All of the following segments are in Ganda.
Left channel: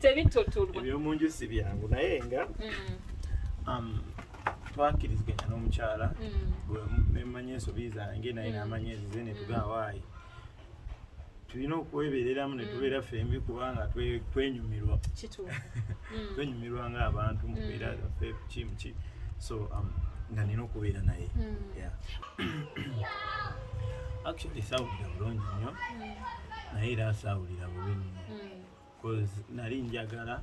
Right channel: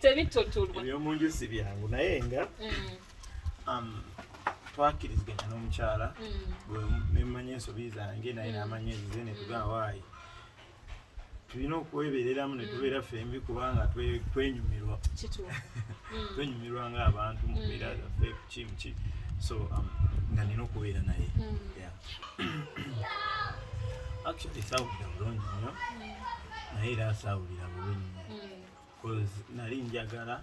tebitotulwa ebyomunju si byangu naye nga twakiriziganya n'omukyala nemanya ensobi zange naye namanya ezize netugamba waayi tulina okwebereramu netubeera fembi kubanga twenyumirwa twenyumirwa ng'abantu mubeera zaffe ki so nga nina okubeera naye actually saawulira bulungi nnyo naye era saawulira bubi nnyo because nali njagala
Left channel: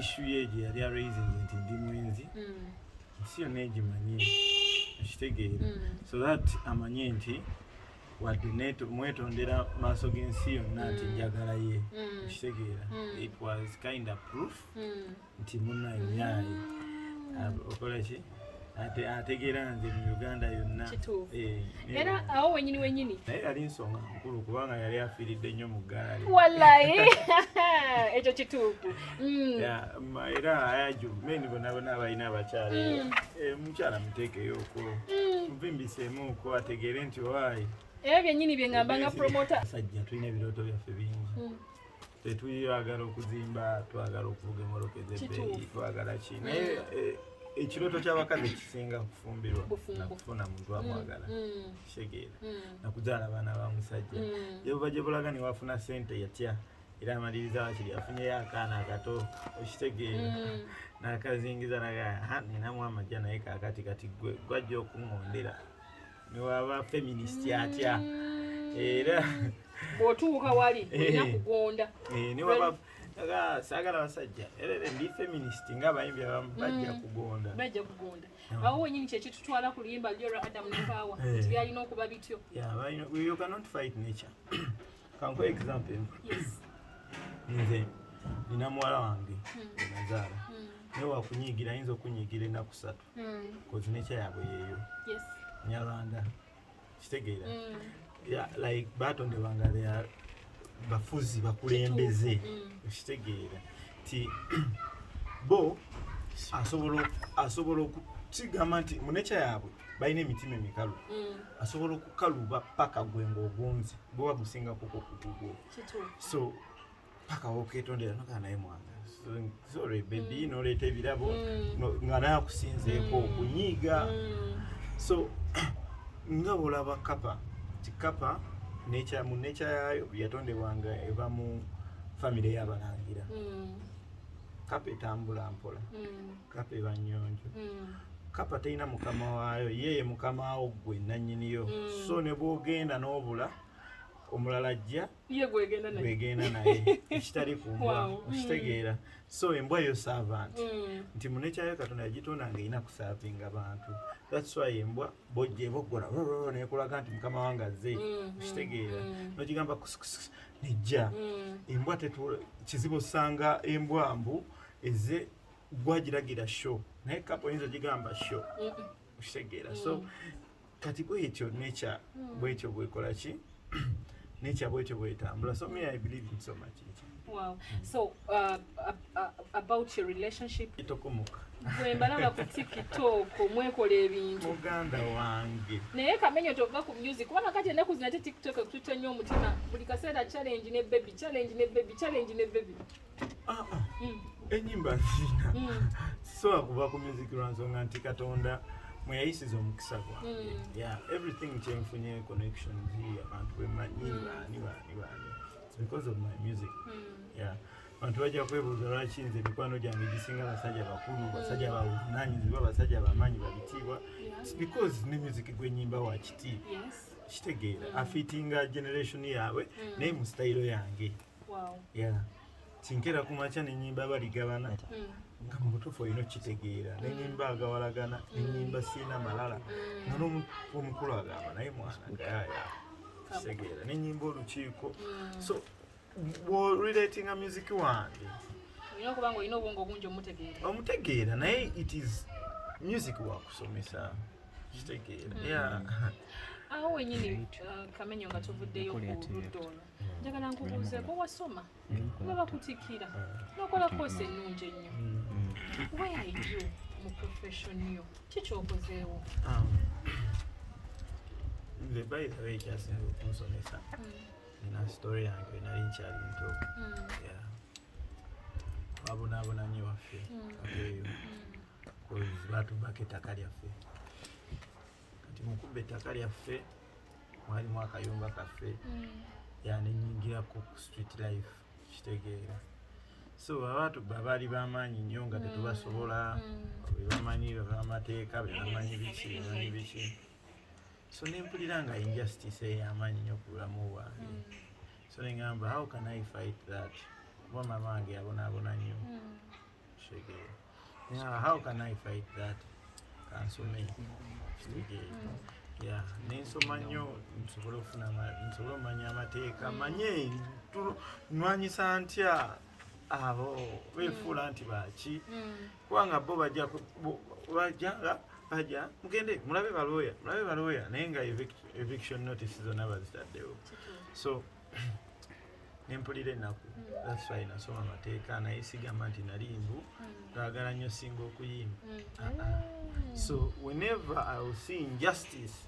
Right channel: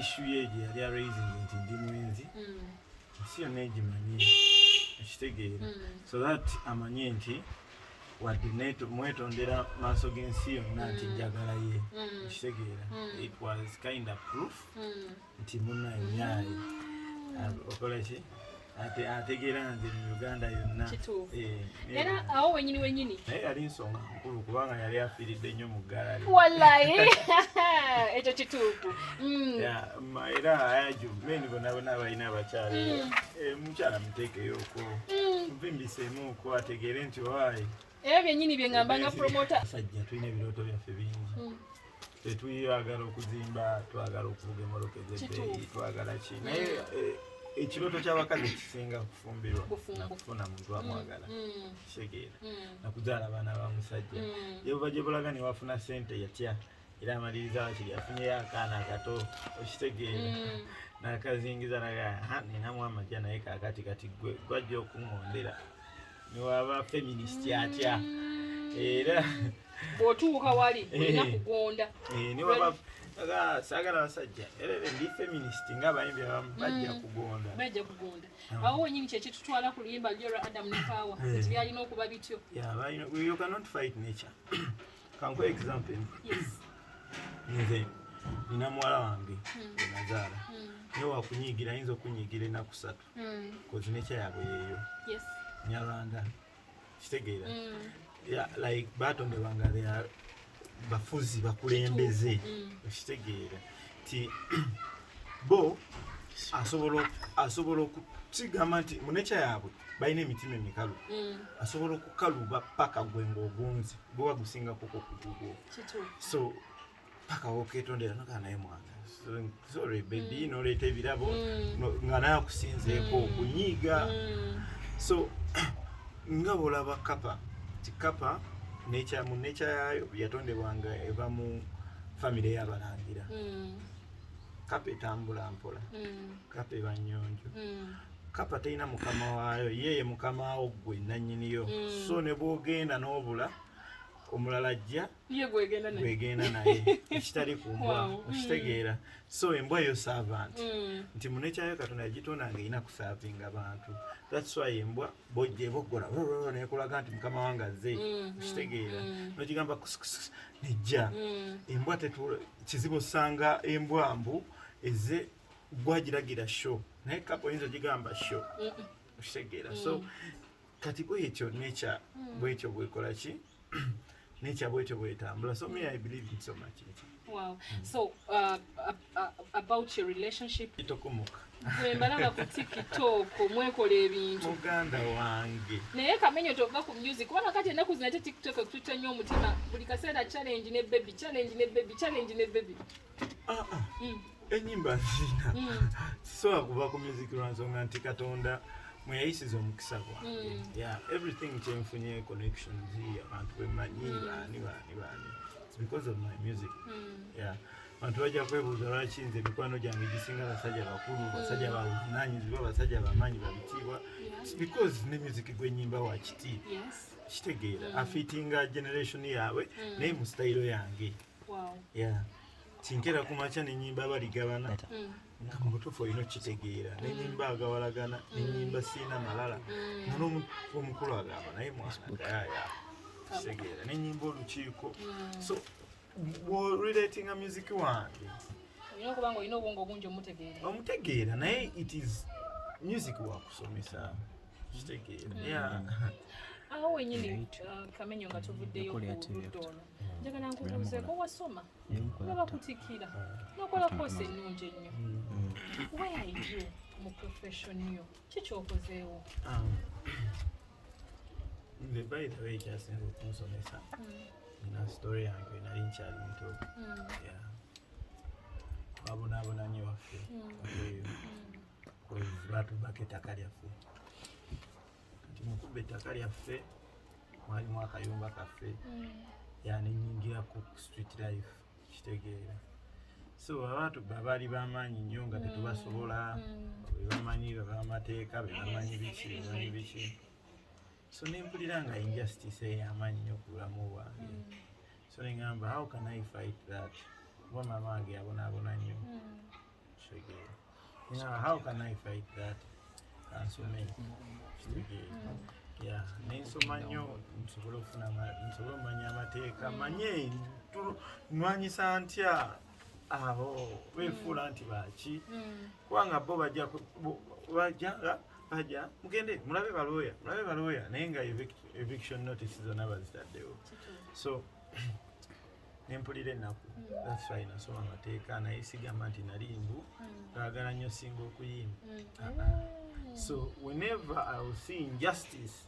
issue ye gye yali araisingi nti ndi mwenzi ensi yonna egimanyi ekitegeera so that amanye nti wadde mwetondera maaso g'ensi yonna nti njagala ye ekitegeera it was kind of proof nti munnayonyayi okola ki ategeera nze mu Uganda yonna era awo wenyini naye yali nsonga nkulu kubanga yali afiiridde nnyo mu ggala wallahi ekyo kituufu era ayajuvumeni bonna balina abakyala mukyala muteekeyooko muvimbiseemuuko ategeere nti waayi ebyo byennyini bye ngamba nga promota sajja tulina ebirooto byaffe bingi tetuyagala okuzimba twagala okuvuga emmotoka ez'ebbeeyi twagala ki naye ekirooto ky'abakazi kisinga kufumbirwa nakufuna muntu amwagala kitegeera nakuzaala abaana ba musajja yebuba gye bulaga ne wafuna ssente yatya era amaliriza wakiri afunyeyo akaana akato okitegeera n'akazingiza nagaa ninamu amajja naye kakati kati gwajja okuŋŋondera niwaba feminist atya era bw'otuuka wali olina kugonda niwaba saagala basajja era ndi feminist ng'abayimbi abamu bajja kugonda awo wenyini kyekitutwala ku luyimba lyo Adam ne Power nti byalina okuba bityo you cannot fight nature kankuwa example nze nina muwala wange nazaala naye wakunyiigira ayinza okunyiigira ennaku 3 kozi nature yaabwe yeeyo Nyarwanda kitegeera like batondebwanga bafuzi bakulembeze okitegeera ti bo asobola okukigamba nti mu nature yaabwe balina emitima emikalu asobola okukaluba paka gwe ng'ogunzi gwe bagusingako kugugwo so paka woketondera nogaa naye mwana sorry baby noleeta ebirabo nga naye akusinzeeko okunyiiga so nga bolaba kapa ti kapa mu nature yayo yatondebwanga eva mu famire y'abalangira kapa etambula mpola kapa eba nnyonjo kapa terina mukama waayo yeye mukama wo gwe nannyiniyo so ne bwogenda n'obula omulala ajja gwegenda naye ekitali ku mbwa okitegeera so embwa yo servant nti mu nature yayo Katonda yagitonda nga erina kusavinga abantu that's why embwa bojja eboggola nekulaga nti mukama wange azze okitegeera nogigamba nejja embwa kizibu osanga embwa mbu ezze gwagiragira show naye kapa oyinza ogigamba show okitegeera so kati bwetyo nature bwetyo bwekola ki nature bwetyo bwetambula so me I believe in so much wow so about your relationship itokomuka mwembalanga ku TikTok mwekola ebintu muganda wange naye kamenyo tova ku music kubanga kati ennaku zino ate TikTok ekututta nnyo omutima buli kaseera challenge ne baby enyimba nzina so akuva ku music lwansonga nti Katonda mweyayisiza omukisa gwange everything kyenfunye connections abantu bemanyi baani because of my music abantu bajja kwebuuza lwaki nze mikwano gyange gisinga basajja bakulu basajja bavunanyizibwa basajja bamanyi babitiibwa because ne music gwenyimba wa kitiibwa kitegeera afiitinga generation yaabwe naye mu style yange tinkera kumakya nenyimba baligabana nga mu butuufu olina okitegeera nenyimba agawalagana nenyimba siina malala omukulu agamba naye mwana gaya kitegeera nenyimba olukiiko so relatinga music wange olina okuba nga olina obwongo obungi omutegeera naye it is music wakusomesa kitegeera awo wenyini kamenyo nga tuvuddeyo ku ludda olwo njagala nkubuuzeeko wasoma nga bakutikira n'okola koosi ennungi ennyo where are you mu profession yo kikyokozeewo nze by the way kyasinza okunsomesa nina story yange nali nkyali muto lyaffe eyo batubaka ettaka lyaffe kati mukubba ettaka lyaffe mwalimu akayumba kaffe yanenyingira ku street life kitegeera so abantu baali bamaanyi nnyo nga tetubasobola bebamanyi bamateeka bebamanyi biki so nempulira nga injustice ey'amaanyi nnyo ku bulamu bwange so neŋŋamba how can I fight that kuba mama wange yabonaabona nnyo kitegeera how can I fight that kansome kitegeera nensoma nnyo nsobole omanya amateeka manye nwanyisa ntya abo beefuula nti baki kubanga bo bajja mugende mulabe balooya naye nga eviction notice zonna bazitaddewo so nempulira ennaku that's why nasoma amateeka naye sigamba nti nali mbu gaagala nnyo singa okuyimba so whenever I will see injustice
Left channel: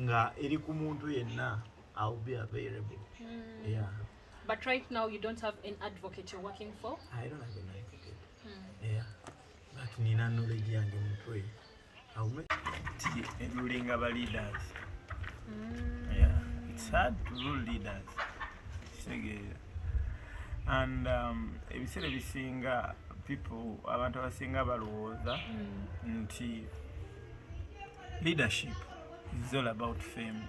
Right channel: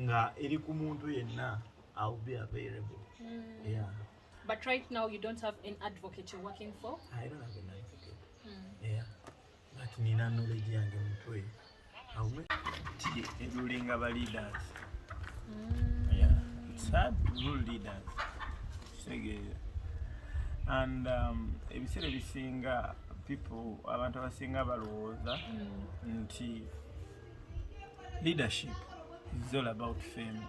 nga eri ku muntu yenna I will be available But right now you don't have an advocate you're working for? I don't have an advocate. But nina knowledge yange mutwe. Ruling our leaders. It's hard to rule leaders. And ebiseera ebisinga people abantu abasinga balowooza nti leadership is all about fame.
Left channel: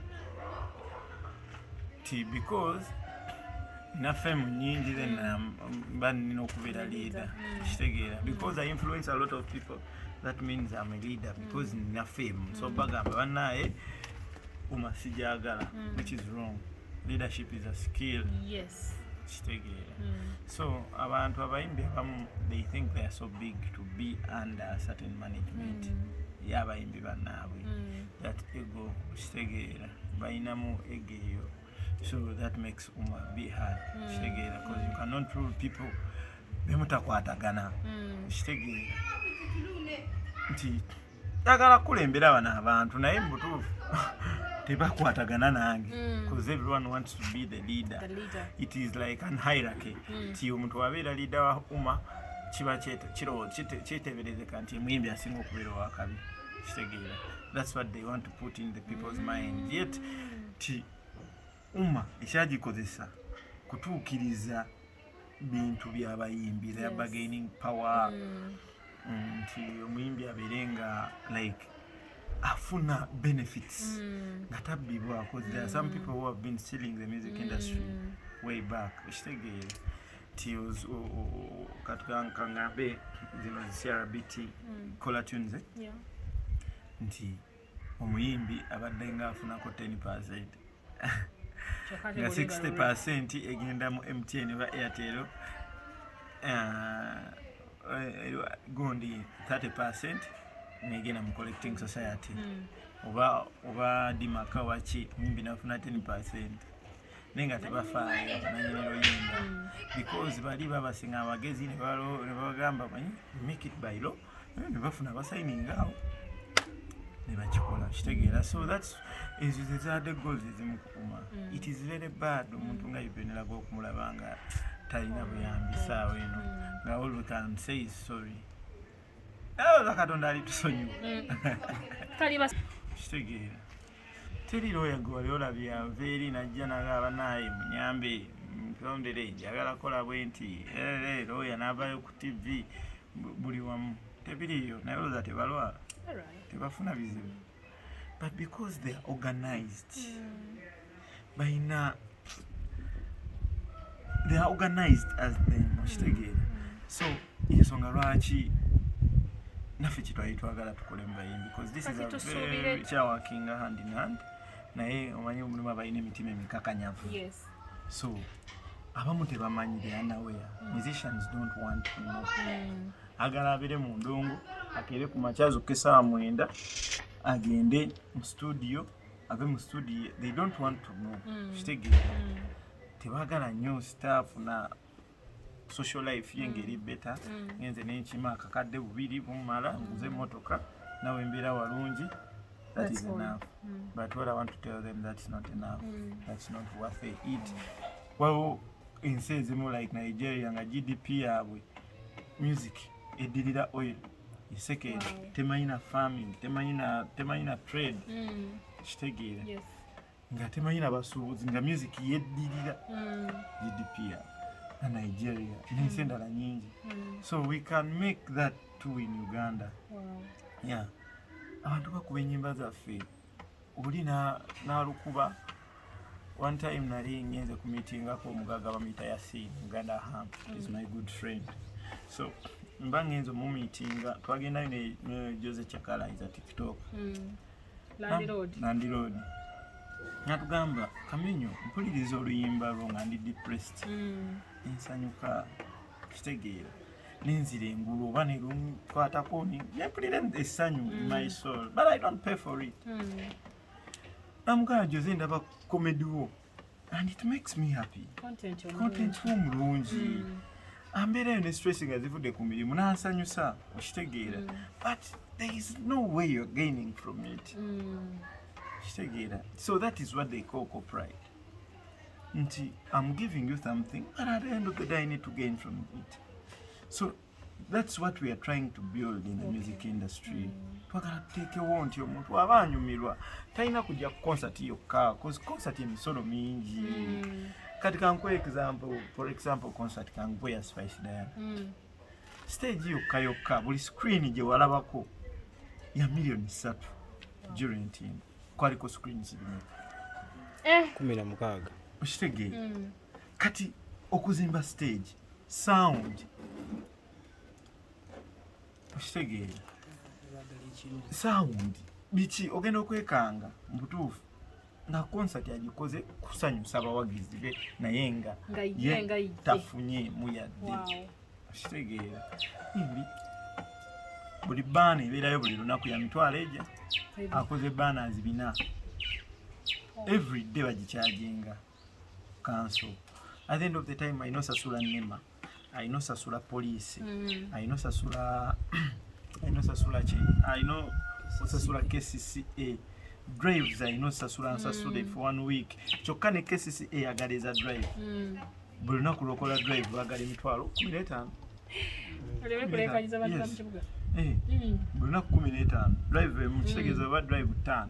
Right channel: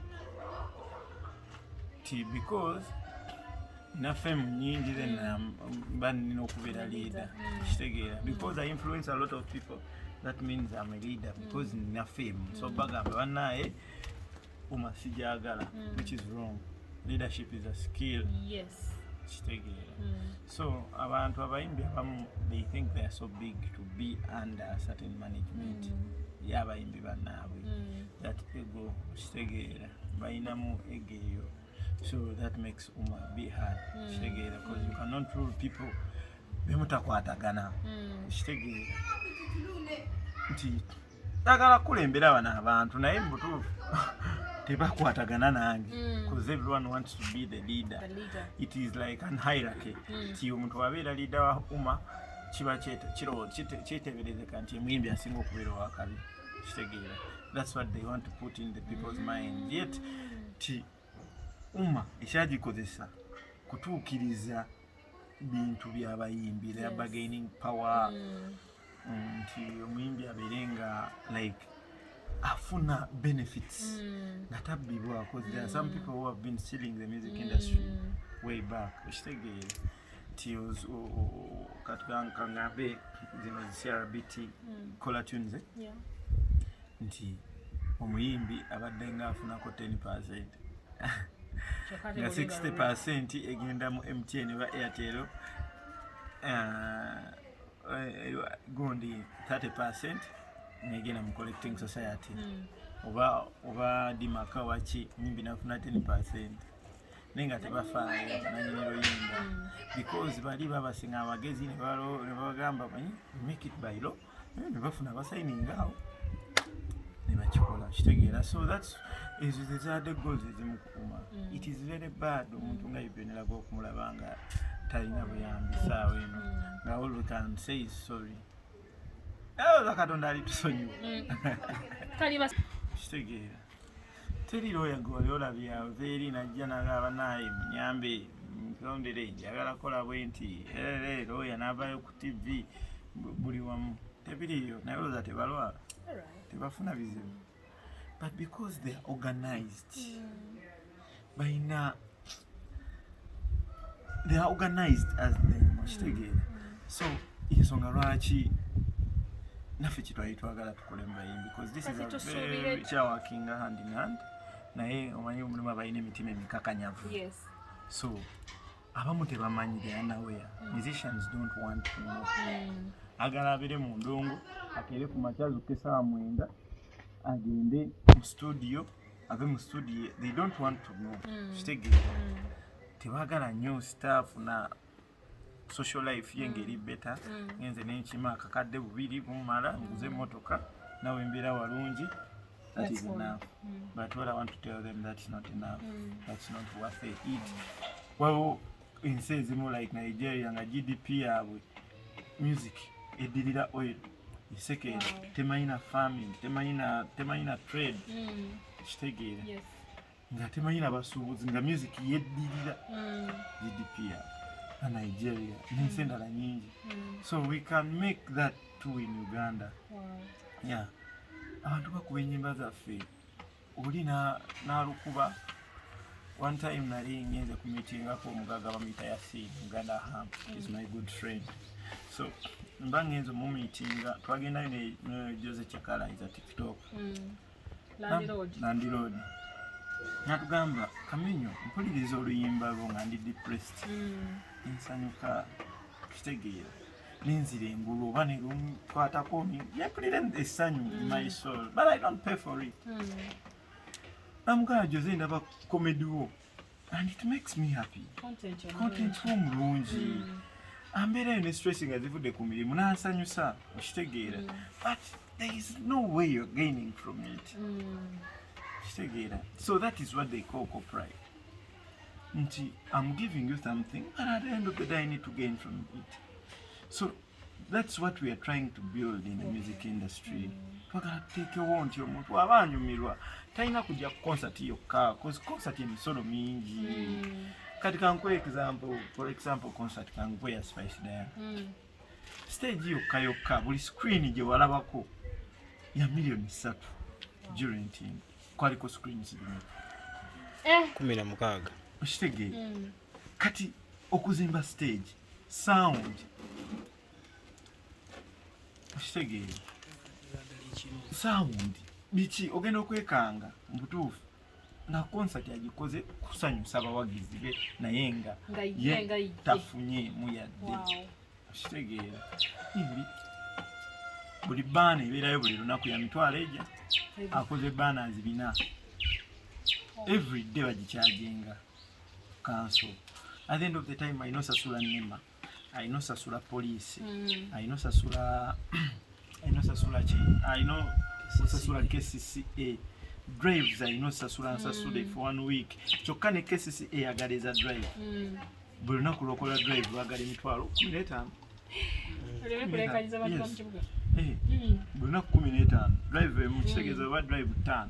Because na fame nyingi then nina okubeera leader kitegeera because I influence a lot of people that means I'm a leader because nina fame so bagamba bannaye umasijagala which is wrong. Leadership is a skill kitegeera so abantu abayimbi abamu they think they are so big to be under a certain management y'abayimbi bannaabwe that ego kitegeera bayinamu egeyo. So that makes be hard. Because you cannot rule people. Bemutakwatagana. Nti agala kulembera bana abantu naye mbutuufu tebakwatagana nange because everyone wants to be the leader. It is like an hierarchy. Ti omuntu abeera leader wa umma kiba kiteeberezeka nti muyimbi asinga okubeera wakabi. That's what they want to put in the people's mind. Yet ti umma ekyagikozesa kutuukiriza bintu by'abayimbi they are bargaining power nti omuyimbi abeere nga like afuna benefits nga tabbibwa because there are some people who have been stealing the music industry way back ekitegeere nti katukangambe zino CRBT Cola Tunes nti omuyimbi abadde nga afunako 10% nga 60% egenda mu MTN ba Airtel gundi 30% negenda mu collecting society oba dimaka wachi mimbi nafuna 10% nenga tebafaayo nanyiniro yimba because bali babasinga abagezi ne bagamba manyi make it by law ne bafuna basainingawo ne bakikola kitegeera so that's is the goals ezimukuma it is very bad omuntu nga ibenera go kumulabanga talina buyambi saawa eno nga all we can say is sorry Katonda ali tusonyiwa kitegeera teri lawyer gwe olabye aveeri najja nagamba naye munyambe mpondere njagala kola bwenti lawyer n'avaayo ku TV buli wamu tebiriyo naye olowooza tebalwala tebafuna bizibu but because they are organized they are organized as them kitegeera so ensonga lwaki naffe kitwagala tukole mu bayimbi because this is a very working hand in hand naye omanyi omulimu abalina emitima emikakanyavu so abamu tebamanyi they are unaware musicians don't want to know agala abere mu ndongo akere ku makyazo kesaawa 9 agende mu studio ave mu studio they don't want to know kitegeera tebagala nnyo staff na social life yengeri better ngenze n'enkima akakadde bubiri bumala nguze motoka nawe mbeera walungi that is enough but what I want to tell them that's not enough that's not worth it well insi ezimu like Nigeria nga GDP yabwe music eddirira oil. Second, temayina farming, temayina trade. Kitegeera. Yes. Nga temayina basuubuzi nga music yeddirira GDP na Nigeria n'ensi endala nyingi. So we can make that too in Uganda. Yeah. Abantu bakuba ennyimba zaffe oli n'alukuba. One time nali ngenze ku meetingako omugaga bamuyita Yasin Uganda Ham is my good friend. So mba ngenze mu meetinga twagendayo ne Jose Chakala is a TikTok. Nandi Road. Natugamba Kamenyo mpuliriza oluyimba lwo nga ndi depressed. Nsanyuka kitegeera. Ninzire engulu oba ne lunkwatako mpulira essanyu in my soul but I don't pay for it. Namugala Jose ndaba comedy wo and it makes me happy. Content omulungi. Ambeerayo ne stress nga zivudde ku mirimu n'ansanyusa okitegeera. But there is no way you're gaining from it. So that is what they call copyright. I'm giving you something, and at the end of the day, I need to gain from it. So that's what we are trying to build in the music industry. Twagala tuteekewo nti omuntu aba anyumirwa talina kujja ku concert yokka, because concert emisolo mingi. Kati kankuwe example, for example, concert kankuwe ya Spice Diana. Stage yokka buli screen gye walabako ya million 3 during team. Kwaliko screens zino 16 okitegeera. Kati okuzimba stage sound okitegeera sound biki ogenda okwekanga mu butuufu nga concert yagikoze kusanyusa abawagizi be naye nga tafunye muyadde okitegeera. Buli baana ebeerayo buli lunaku ya mitwalo ejja akoze banners 4 every day bagicharginga council. At the end of the time I know sasula NEMA, I know sasula police, I know sasula KCCA drives, I know sasula for 1 week. Kyokka ne KCCA agaliza drive buli lunaku lokola drive bagala emitwalo 15. Buli lunaku 15 drive mukitegeeza oba drive 5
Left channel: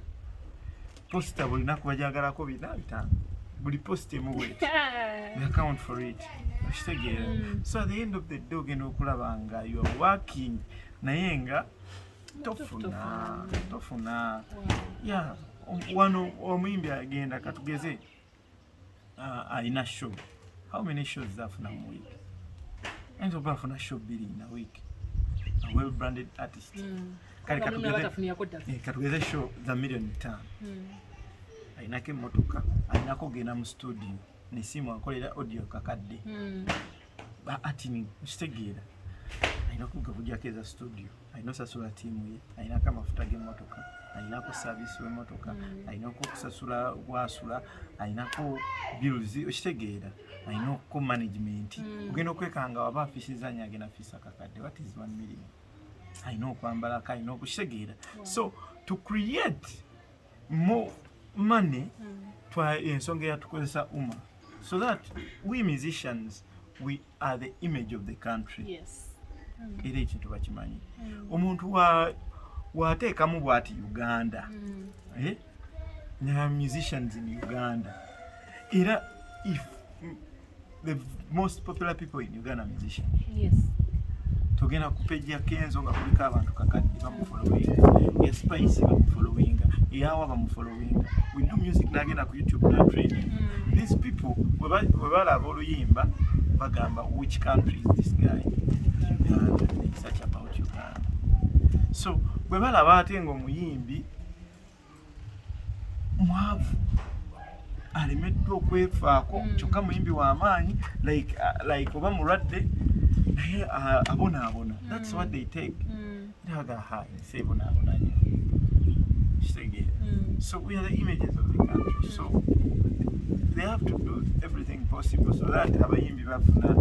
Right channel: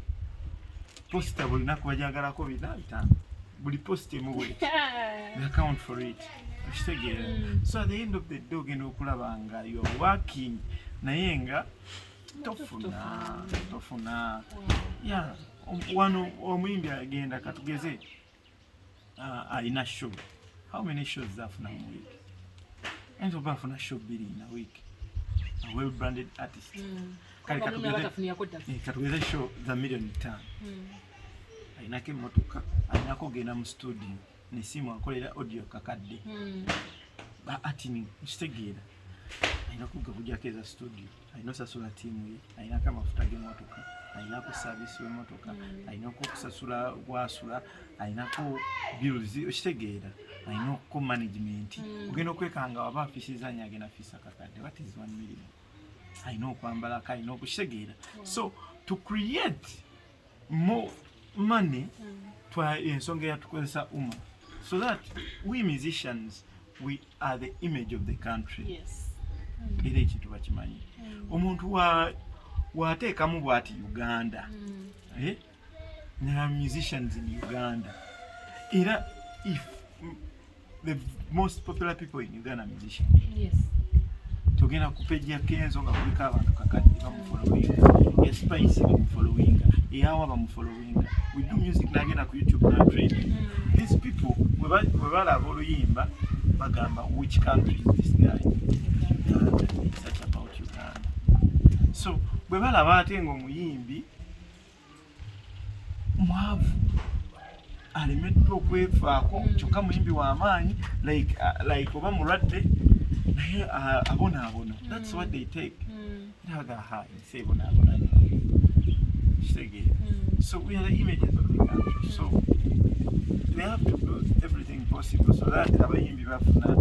posta buli lunaku bajagalako 5 buli posta emu bweti we account for it okitegeera. So at the end of the day ogenda okulaba nga you are working naye nga tofuna. Yeah, wano omuyimbi agenda katugeze alina show. How many shows afuna mu week? Enzo bafuna show 2 in a week. A well branded artist. Katugeze show za million 5. Ainako emmotoka, ainako genda mu studio nesimu akolera audio kakadde. Ati kitegeera ainako gavujjako eza studio, aina sasula tiimu ye, ainako amafuta g'emmotoka, ainako service w'emmotoka, ainako okusasula gwasula, ainako bills okitegeera, ainako management. Ogenda okwekanga waba afisizanya agenda afisa kakadde. What is 1 million? Aina okwambala kaina okukitegeera. So to create more money twa ensonga yatukozesa umma, so that we musicians we are the image of the country. Yes. Era ekintu bakimanyi. Omuntu wateekamu bw'ati Uganda, ne musicians in Uganda. Era if the most popular people in Uganda are musicians. Yes. Tugenda ku page ya Kenzo nga kuliko abantu kakadde bamufollowinga, ya Spice bamufollowinga, eyawa bamufollowinga. We do music nagenda ku YouTube na trade. These people we balaba oluyimba bagamba which country is this guy? It's such about Uganda. So we balaba ate ng'omuyimbi mwavu alimeddwa okwefaako kyokka muyimbi w'amaanyi like oba mulwadde naye abona. That's what they take. Naga high say bona. So we are the images of the country. So they have to do everything possible so that abayimbi bafuna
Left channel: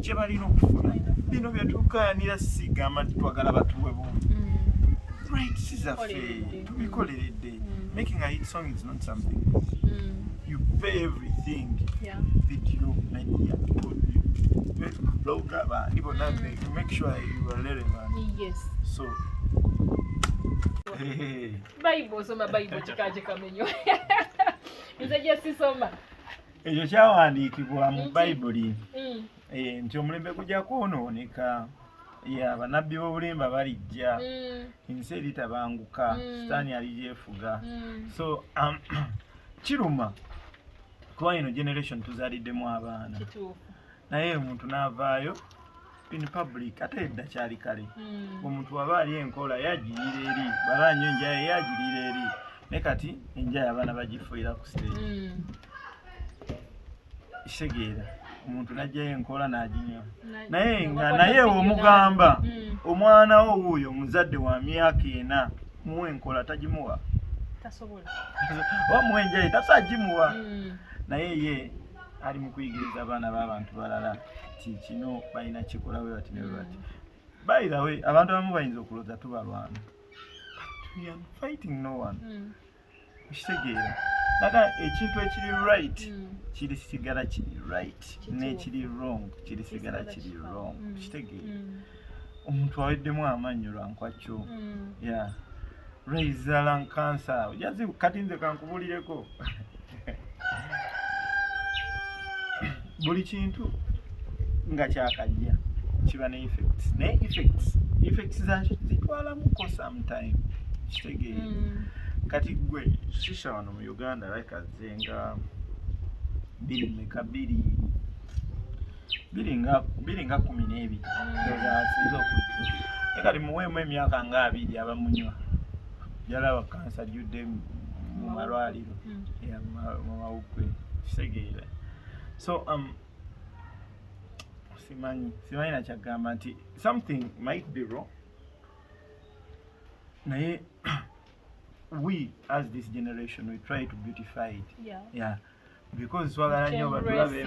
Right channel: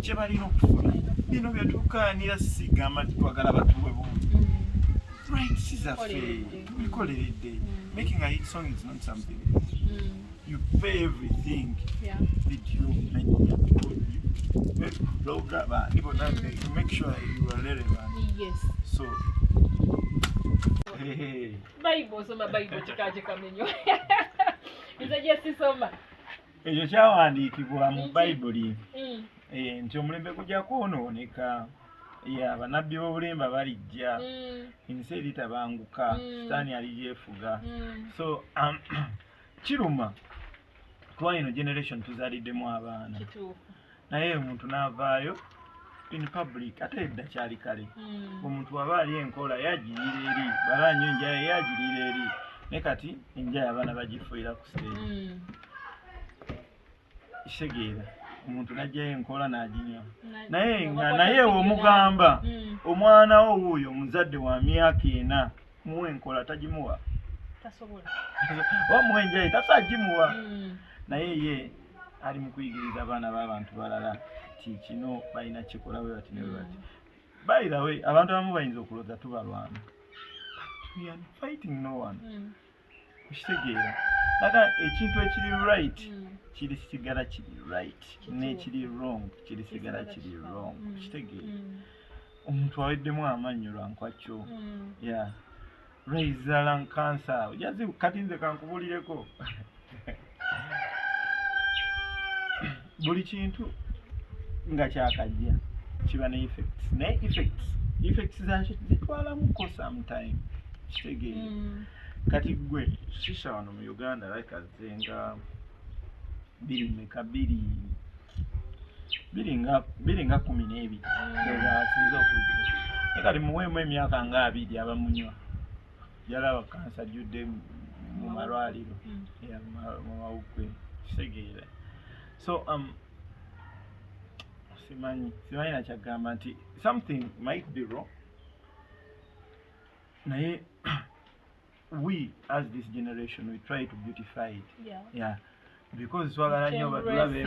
kye balina okufuna. Bino byatukaanira sigamba twagala batuwe bungi. Right, sizaffe tubikoleredde. Making a hit song is not something. You pay everything. Yeah. Video, media, audio, blog about even to make sure you are relevant. Yes. So Bible soma Bible chikaje kamenyo. Nze je soma. Eyo kyawandiikibwa mu Bible nti omulembe gujja kwonooneka. Abanabbi b'obulimba balijja ensi eritabanguka sitaani alijeefuga. So kiruma kuba ino generation tuzaaliddemu abaana naye omuntu n'avaayo in public ate edda kyali kale omuntu waba ali enkola yagirira eri baba nnyo enjaye yagirira eri ne kati enjaye abaana bagifuira ku stage kitegeera omuntu najjayo enkola n'aginywa naye omugamba omwana wo wuuyo omuzadde wa myaka 4 muwe enkola tagimuwa tasobola oba muwe enjaye tasagimuwa naye ye ali mu kuyigiriza abaana b'abantu balala ti kino balina kikola bwe bati ne bwe bati. By the way abantu abamu bayinza okulooza tubalwana we are fighting no one kitegeera naga ekintu ekiri right kiri sigala kiri right n'ekiri wrong kiri sigala kiri wrong kitegeera omuntu aweddemu amannyo lwankwakyo raisal cancer ojazi kati nze kankubulireko buli kintu nga kyakajja kiba ne effects ne effects zakyo zitwalamuko sometime kitegeera kati gwe shisha wano mu Uganda like nga biringa 12 ndoza sizo kujja ekali muwemu emyaka nga 2 abamunywa yalaba kansa judde mu malwaliro mu mawukwe kitegeera. So simanyi nakyagamba nti something might be wrong naye we as this generation we try to beautify it because twagala nnyo batulabe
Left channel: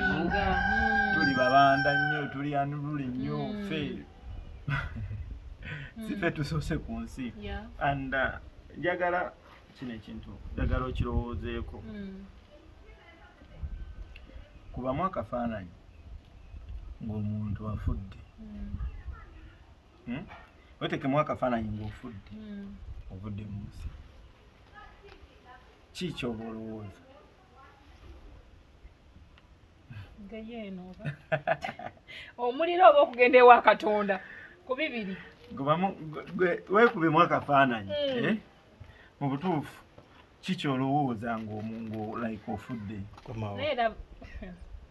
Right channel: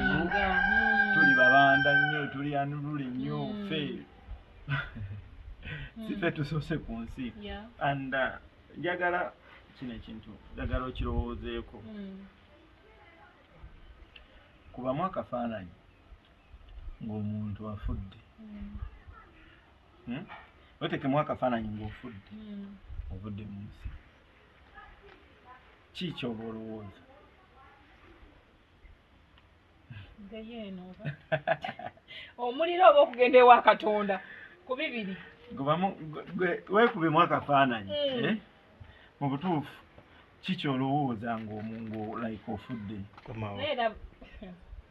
tuli babanda nnyo tuli anulule nnyo ffe sife tusoose ku nsi and njagala kino ekintu njagala okirowoozeeko kubamu akafaananyi ng'omuntu afudde wetekemu akafaananyi ng'ofudde ovudde mu nsi ki kyoba olowooza omuliro oba okugenda ewa Katonda ku bibiri weekubemu akafaananyi mu butuufu ki kyolowooza ng'omungu like ofudde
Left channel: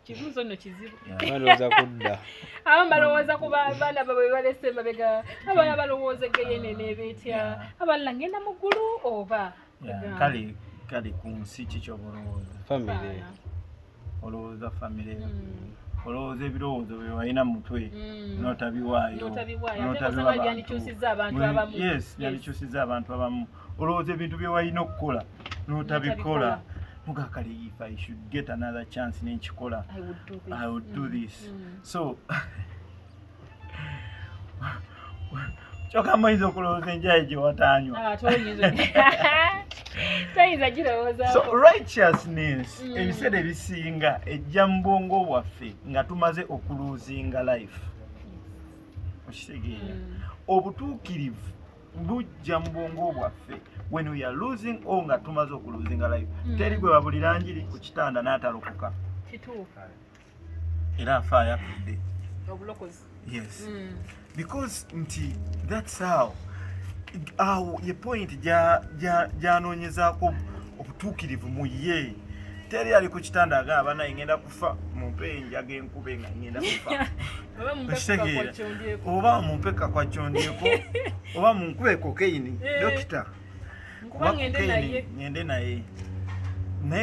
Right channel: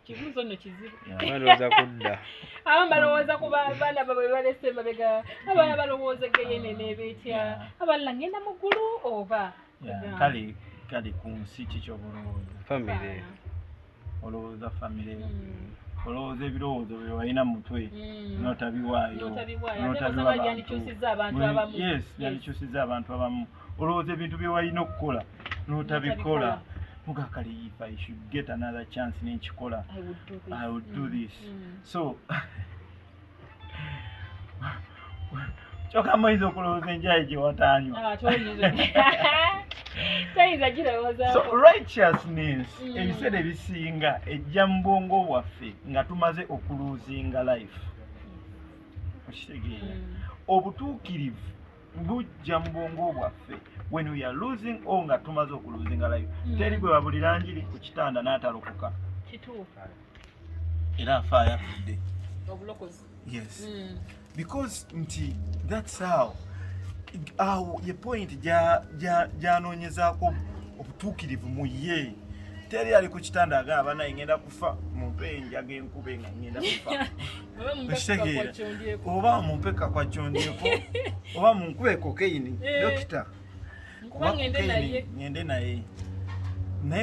kibuuzo nno kizibu balowooza kudda abamu balowooza ku baana babwe balese emabega abalala balowooza egeyenene beetya abalala ngenda mu ggulu oba kale ku nsi ki kyoba olowooza famire olowooza famire olowooza ebirowoozo bye walina mu mutwe n'otabiwaayo yandikyusizza abantu abamu olowooza ebintu bye walina okukola n'otabikola mugakale if I should get another chance n'ekikola I would do this. So kyokka oyinza okulowooza enjaye gye wataanywa. So righteousness ebiseera ebisinga ejja mu bwongo bwaffe nga tumaze okuluzinga life okitegeera obutuukirivu bujja mu bwongo bwaffe when we are losing nga tumaze okuluzinga life teri gwe babulira njiri ku kitanda n'atalokoka era afaayo afudde obulokozi. Yes because nti that's how ye point gyanoonyezaako obutuukirivu mu ye teri ali ku kitanda agamba naye ngenda kufa mumpe enjaga enkube nga ngenda kufa okitegeera oba mumpeka kwa kyondyeko oba munkube kokaini dokita kuba kokaini ngende naye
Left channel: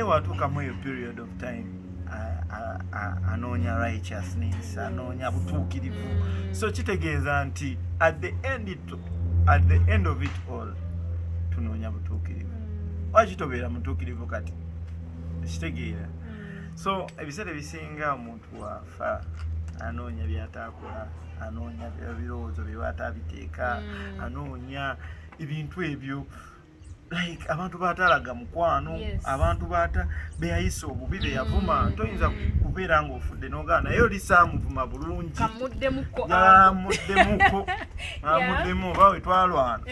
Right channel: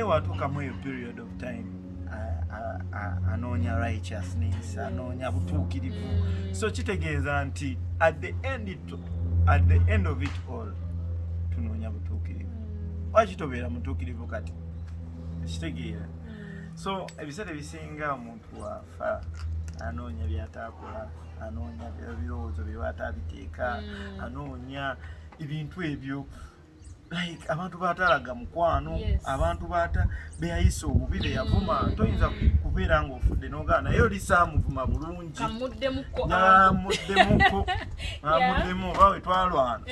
watuukamu eyo period of time anoonya righteousness anoonya butuukirivu so kitegeeza nti at the end of it all tunoonya butuukirivu waki tobeera mutuukirivu kati kitegeera so ebiseera ebisinga omuntu wafa anoonya byataakola anoonya birowoozo bye watabiteeka anoonya ebintu ebyo like abantu batalaga mukwano abantu bata beyayisa obubi beyavuma toyinza kubeera ng'ofudde n'ogaana naye oli saamuvuma bulungi kamuddemuko bawe twalwana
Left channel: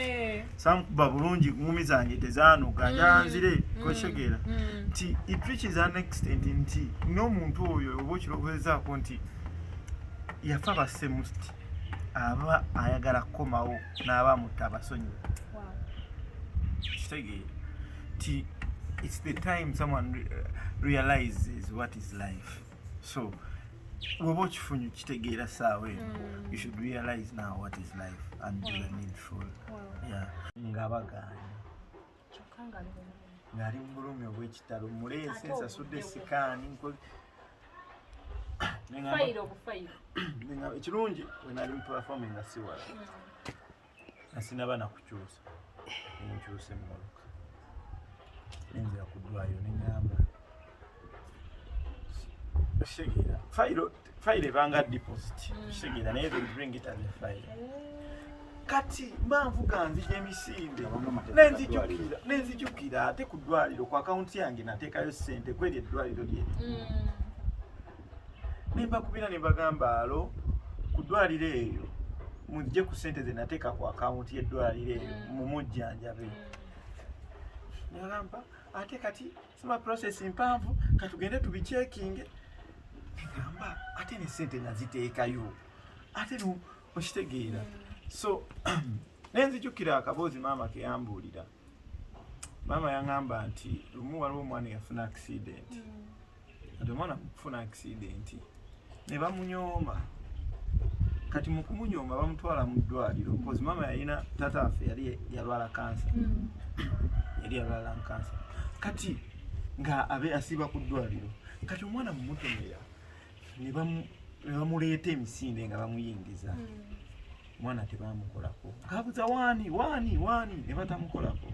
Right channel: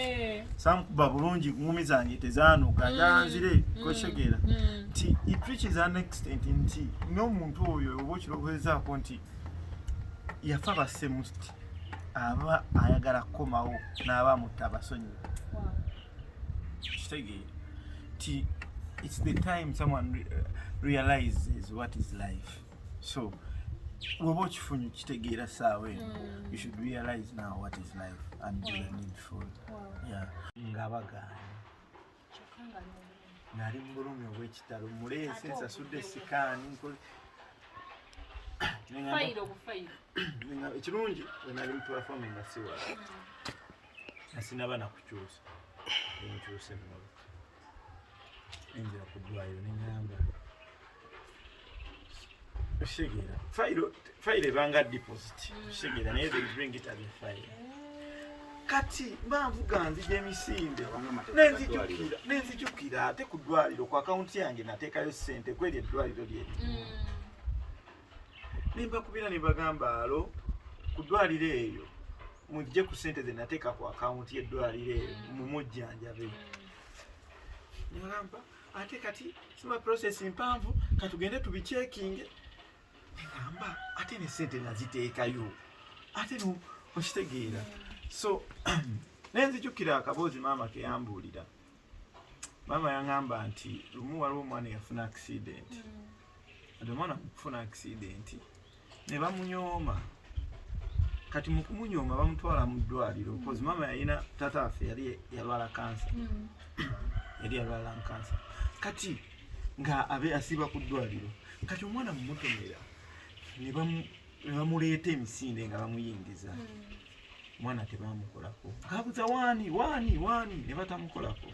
saamukuba bulungi ngumi zange tezaanuka njanzire kwekitegeera nti it reaches an extent nti n'omuntu oyo oba okirowozezaako nti yafa basemusti aba ayagala kukomawo n'aba mutta abasonyiwe it's the time someone realizes what is life. So woba okifunye kitegeera saawa eno you should realize now what is life and do the needful. Ngabagana ng'ali mu bulumi obw'ekitalo mulensi nsasudde sikaani ekirungi bwe nali mu platform nga siwala nasinaba nakukyusa nkyuse mmalo nenzira ku ddwaliro nenyamba okitegera fayiro ebanga deposit okitegera naye they bring it as a fire kati mbanvuga nzija emisinde nenzijukira ate ku ddwaliro ku akawunti yange nateekayo ssente kweri eddwaliro lyeri nembakubira nembagamba alo ku ddwaliro eyo mujje ku ssente ze nateeka ku akawunti y'eddwaliro eyo mumujjanjabe nagamba ate kati sima process mpanvu katugende tubicekinge ngamba ate ne ssente naziteekayo ate okitegeera so nenzijukira akaboozi maama keyambuulira maama yangamba nti lumu waliwo omwana yafuna accident ati omwana kufuna accident ne bamunyooma kati mu kumunyooma bamutwala mu ddwaliro because maama yalina taata waffe yali yalwala kansa kansa kati nga abe asiba ku ddwaliro kati omwana mumutomera ne bamuleeta emisinde nga bamuyingiza omwana tebamukolako ngaabuza waani ne batamukolako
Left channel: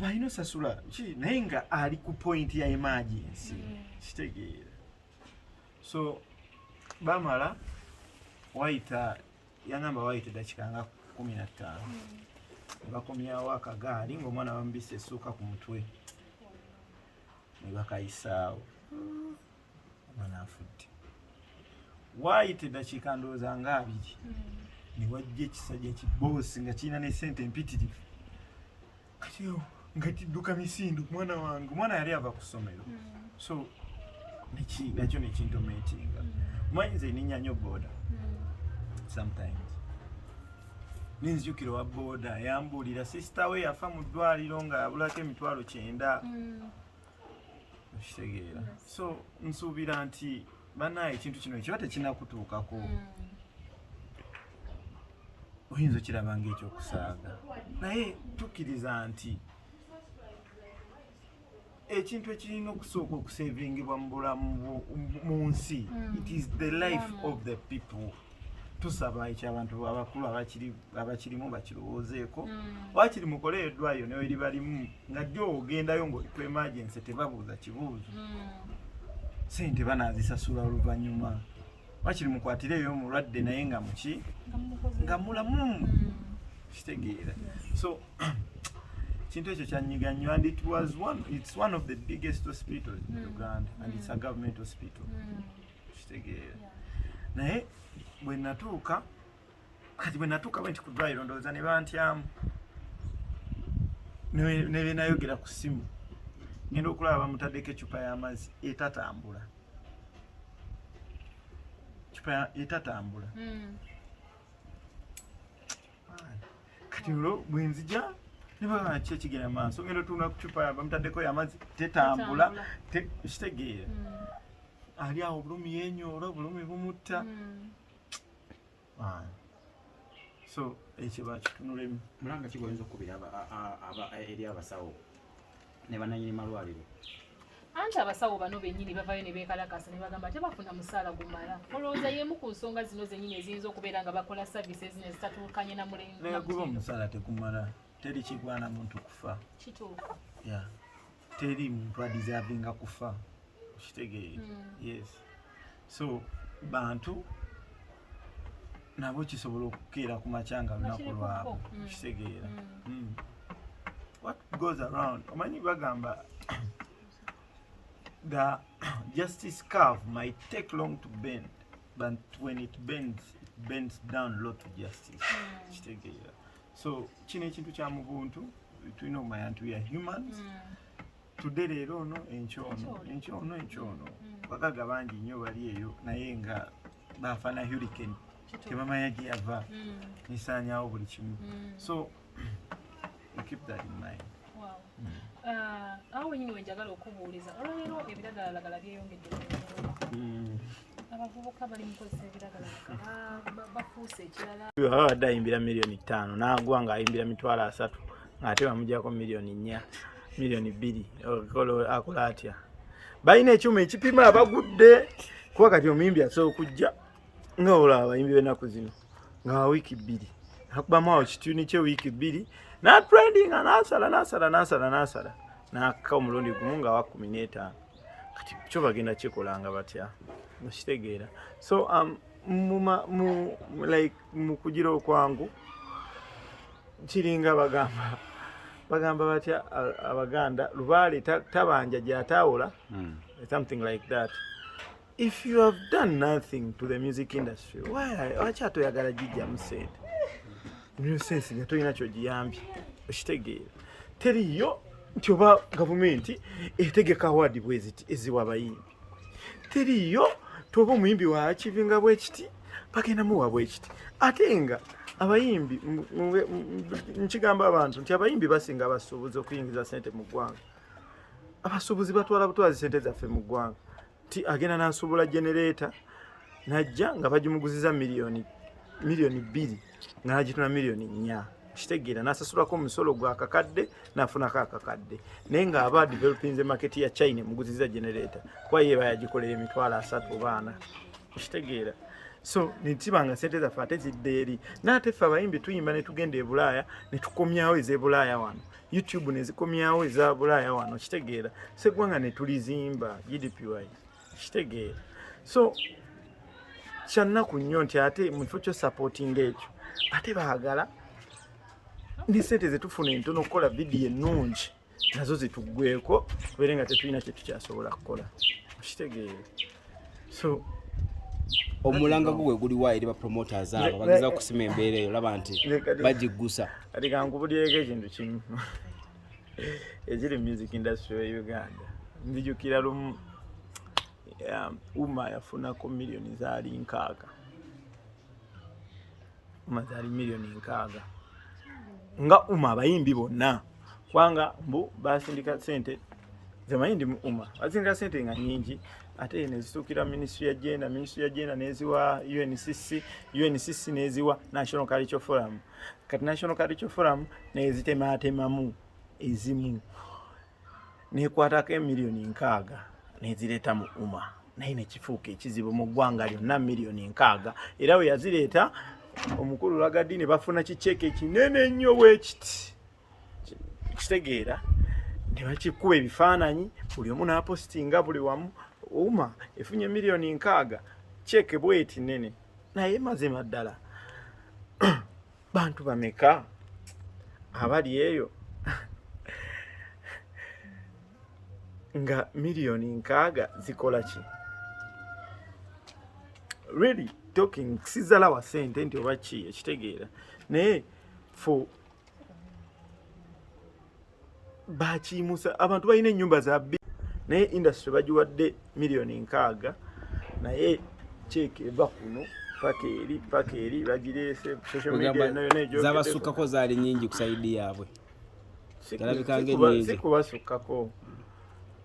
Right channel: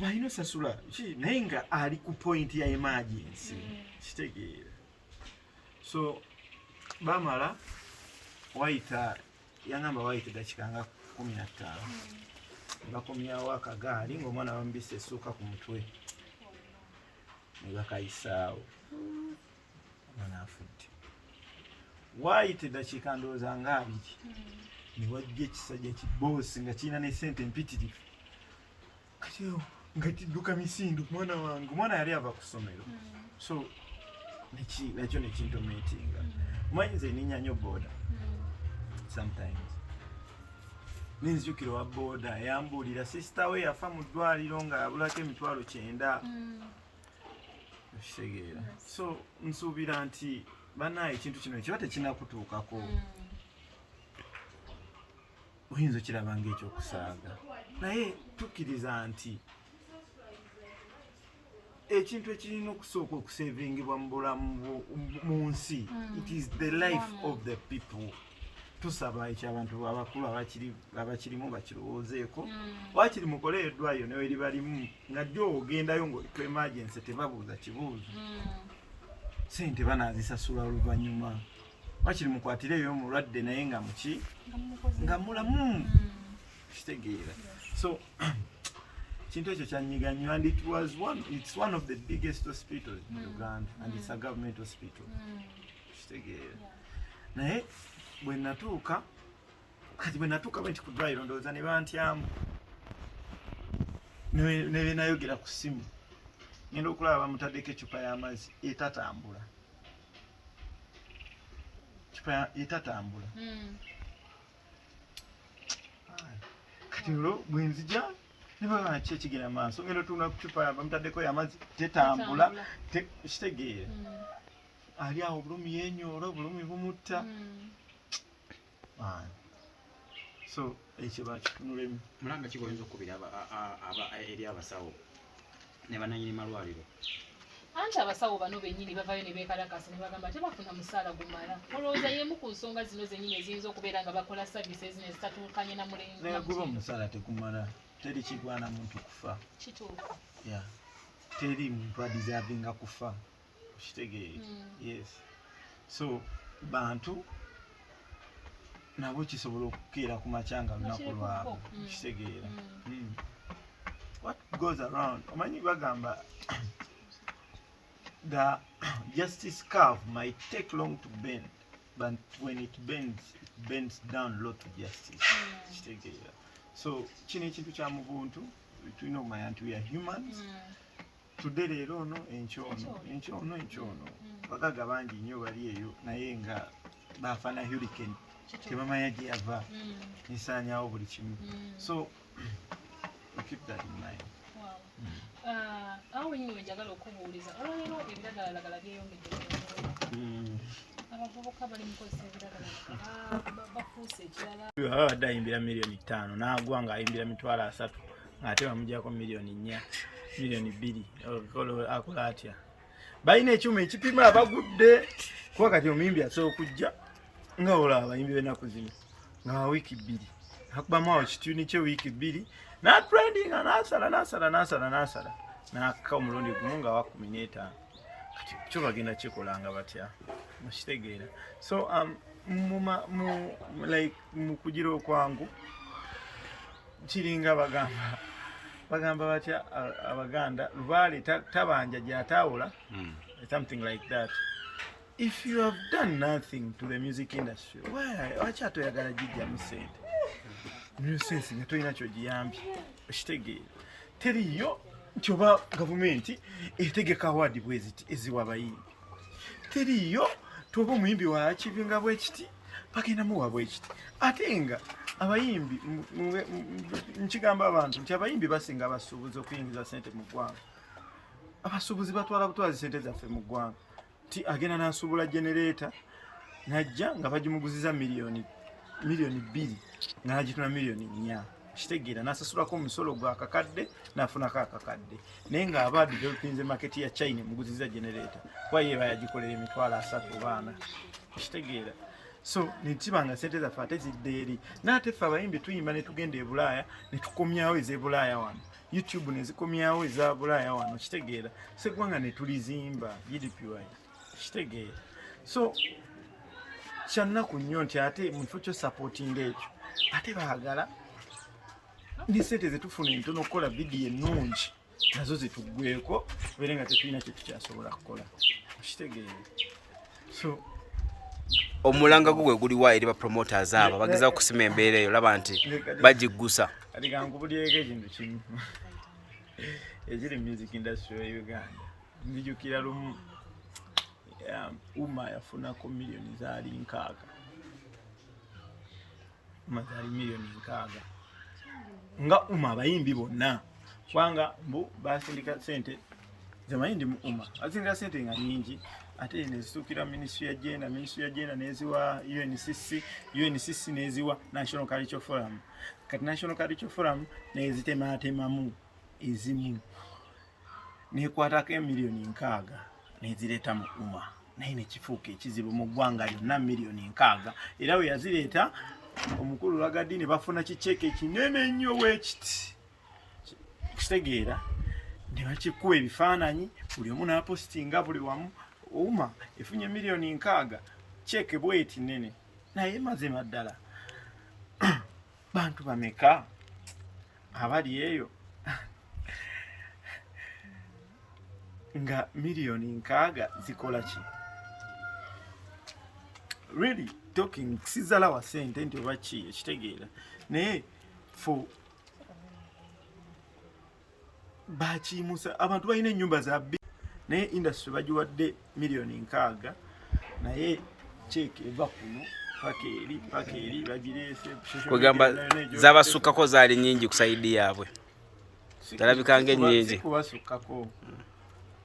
balina osasula naye nga ali ku point ya emergency kitegeera so bamala yangamba wayita dakika nga 15 bakomyawo akagaali ng'omwana bamubisa essuuka ku mutwe ne bakayisaawo omwana afudde wayita eddakiika ndowooza nga 2 ne wajja ekisajja kiboosi nga kirina n'essente empitirivu kati nga kidduka misindu mwana wange omwana yali ava ku ssomero so nakyo nekintometinga mwanyize ninya nnyo booda sometimes ninzijukira wa booda yambuulira sisita we yafa mu ddwaliro nga yabulako emitwalo 9 okitegeera so nsuubira nti banaye ekintu kino ekiba tekinakutuukako oyinza okiraba ng'ekyokusaaga naye tukkiriza nti ekintu ekirina okusooka okusevingibwa mu bulamu mu nsi it is the life of the people tusaba ekyabantu abakulu abakirimu bakirowoozeeko wakiri mukole eddwaliro nawe libalimu nga jjo ogendayo ng'oliko emergency tebabuuza kibuuzo sente banaazisasula oluvannyuma wakiri mukwatireyo omulwadde naye nga muki nga mulamu kitegeera so kintu ekyo kyanyiga nnyo and it's one of the biggest hospitals in Uganda and it's a government hospital kitegeera naye bwe natuuka bwenti ku ddwaliro ndowooza ne bantyamu ne benayogera ku ssimu ngenda okulaba bamutaddeko ecupa y'amazzi etatambula kati olwo bwe nzija ne bagamba ki ekigenda maaso ngenda otuuna ku cupa bamutaddeko y'amazzi tetambula kitegeera ali awo obulumi yenyoola obulumi bumutta so ekyo bakitunulemu mulanga kigoyinza okubira eri abasawo ne bananyini malwaliro anti abasawo bano bennyini bavayo ne beekalakasa ne bagamba tebafuna musaala gumala olowooza y'emu ku nsonga zino zennyini eziyinza okubeera nga bakola services nezitatuukanye na mulengo naye guba omusaala tegumala teri kigwana muntu kufa kituufu teri muntu adeservinga kufa okitegeere yes so bantu nabo kisobola okukeera ku macanga lunaku lwabo kitegeera. What goes around, omanyi bagamba the justice curve might take long to bend, but when it bends down low to justice. Kitegeera. So kino ekintu kya mu buntu tulina okumanya nti we are humans. Tudde leero ono enkyono bagaga bangi nnyo bali eyo naye nga baafana hurricane tebamanya gye yava nesaanyawo buli kimu. So we keep that in mind. Awo wenyini wenjagala okubuuliza olwaleero ebiragalalagala byeyongedde abavubuka bali mukozesa ebiragalalagala bafuuse ekirala. Abadde ayimbira miliyoni 5 n'agwa ng'ayimbira mitwalo 3 ate bamuggyako miliyoni 4 miliyoni 2 akola atya? Balina ekyuma ekipima abagudde kuba kati omuyimbi asobola okujja nga olaba abayimbi b'ennaku zino nga wiiki 2 akubamu awo kituni kye wiiki 2 n'atrendinga n'asala n'akka omulundi gumu nga wa 15 kati kyo bagenda kikolanga batya mukitegeera. So mu kugira okwangu kiringa bagamba batya Abaganda lubaale tabanja gy'ataawula, something like that. If you have done nothing to the music industry, why atoyagala gijjamu sente? Sense nga tolina kyogiyambye okitegeera. Teriyo nti oba gavumenti etegeka awadi bweziti eziwa abayimbi. Teriyo toba omuyimbi wa akivinga bwekiti bagenda muwa bwekiti. Ate nga abayimbi nkigamba abantu nti abayimbi basinga abasuubuzi okuyingiza sente mu ggwanga. Abasuubuzi batwala butwazi sente zaffe mu ggwanga. Ti agenda n'asuubula generator najja nga bagimuguziza miliyoni 2 n'agituna miliyoni 4 kitegeera n'asasulako omusolo gwa kakadde n'afunako akakadde naye ng'aba developinze market ya China muguziza generator kwa ye bayagikolera emitwalo 3 baana kitegeera. So nitibanga sente zaffe ate zidde eri n'ate ffe abayimbi tuyimba ne tugenda e Bulaaya ne tukomyawo eze Bulaaya wano, YouTube ne zikomyawo eza Bulaaya wano kitegeera. Seggwanga ne tulizimba GDPY kitegeera. So kyannaku nnyo nti ate mu kifo kyo supporting ekyo ate baagala ne sente zetufuna entono okukola vidiyo ennungi nazo zituggweko tubeere nga tetulina kye tukyasobola kukola kitegeera. So omulanga gwe guliwa eri ba promoters abo bageza okusima embeera eyo laba nti bagiggusa kati kankubulireko ekintu kimu ekiri music industry ya Uganda. Nzijukira lumu Uma yafunako miliyoni zaali 6. Uma zaali miliyoni 6 nga Uma abayimbi bonna kubanga mbu basindika sente zamayindi mu Uma basindika sente nga nyingi ate nezisukira ministry ya gender neziwa UNCC neziwa National Cultural Forum. Kati National Cultural Forum nezitematemamu ezimu nekwatako miliyoni 6 nezileta mu Uma naye nekifuuka ekizibu mu ggwanga lyonna miliyoni 6 era we yazireeta omukulu Lagadi ne bafuna kicheke kinene ennyo bwekiti kitegeera ne bakikuba ebifaananyi buli omu n'apostinga buli wamu. Uma efunye miliyoni 6 cheke bweti nene naye mazima ddala bantu bameka abali eyo nga miliyoni 6 zikola ki? Really talking sizala wa sente nti oba ki ekitegeera naye fo bakimusa abantu balina ennyumba za naye industry bagiwadde miliyoni 6 naye cheke eva kuno paka eri bagireese kugamba zabasukkako zaali nyingi kusaidi yaabwe talabika nyingi kubasukkako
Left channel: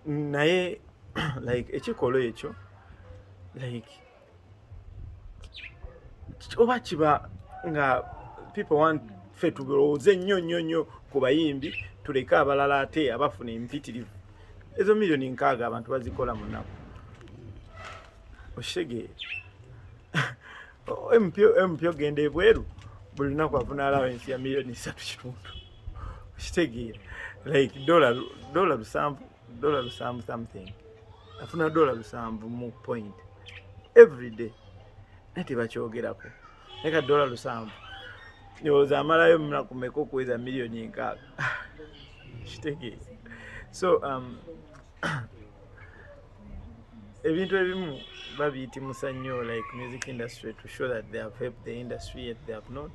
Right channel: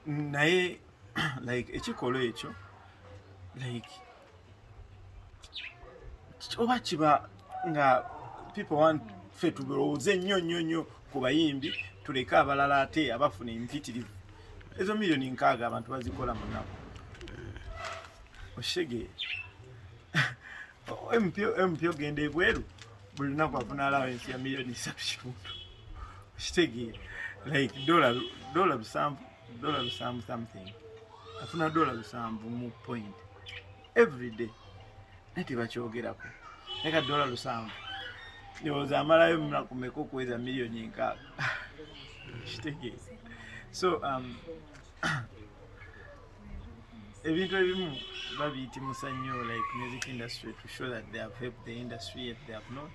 naye like ekikolo ekyo like oba kiba nga people want fe tulowooze nnyo ku bayimbi tuleke abalala ate abafuna empitirivu. Ezo miliyoni 6 abantu bazikola mu nnaku okitegeera. empyo genda ebweru buli lunaku afuna allowance ya miliyoni 3 okitegeera like dollar 7 something afuna $7 mu point every day nati bakyogerako leka $7 ndowooza amalayo munakumeka okuweza miliyoni 6 kitegeeza. So ebintu ebimu babiyitimusa nnyo like music industry to show that they have helped the industry yet they have not.